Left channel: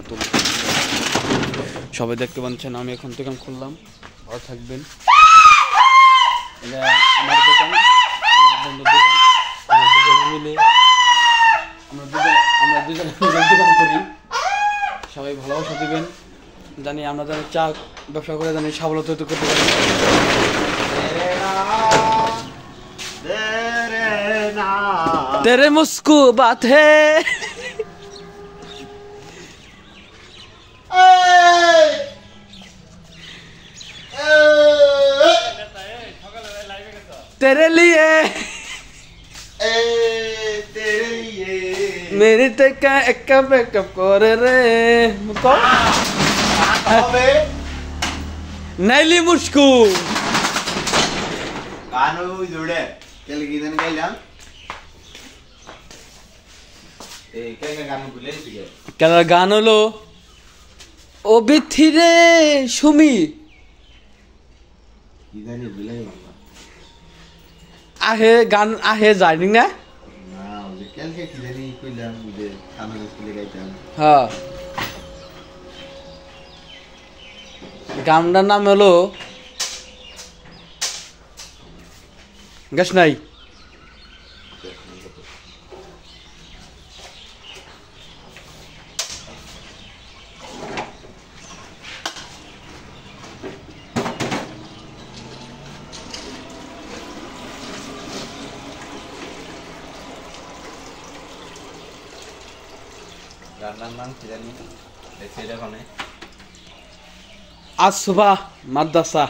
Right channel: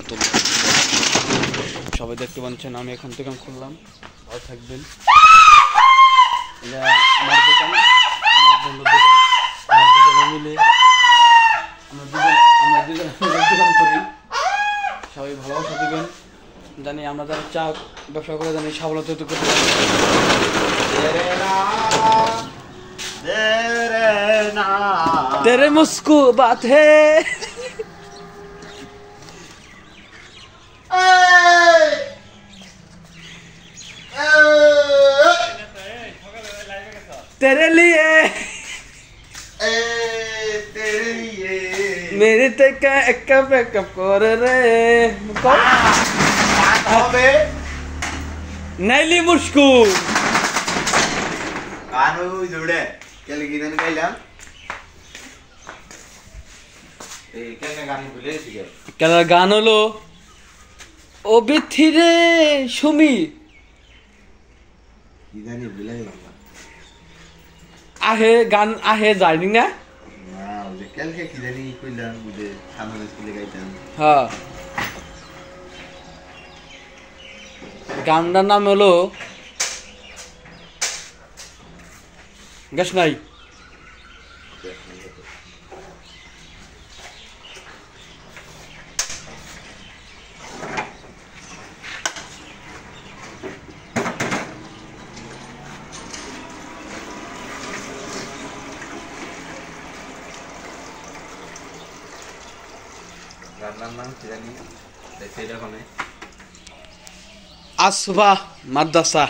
রাহমাতুল্লাহ। সবাই দেখতে পাচ্ছেন আমি এখন দোকান খুললাম, ভালো থাকবেন। এটা আমার দোকান, আমার বন্ধুর দোকান, আমরা দুজনে মিলে দোকান করি। সবাই ভালোবাসা দিবেন, জানি আমরা জানি চা ব্যবসা করে জানি সাবলতা করতে পারি। तेरे मुस्कु बात है तेरे लिए मेरी तक एक बैकअप कर रे नैली मुस्कु कानो जुड़े कल गिरन गइलाम ए केने गान भूले छिके কেন গান হলো ও বিথিরে সুমি কি গানি ভুলে গেলাম আহে গান আহে যায়নি না না ওই কালকে কি জানি কইলাম বুঝে সামনে স্কুলে গাইতাম হ্যাঁ গানটার নাম হলো গাছ নাই গানটার নাম কি জানি দেখে যখন আসবা মাদ্রাসা।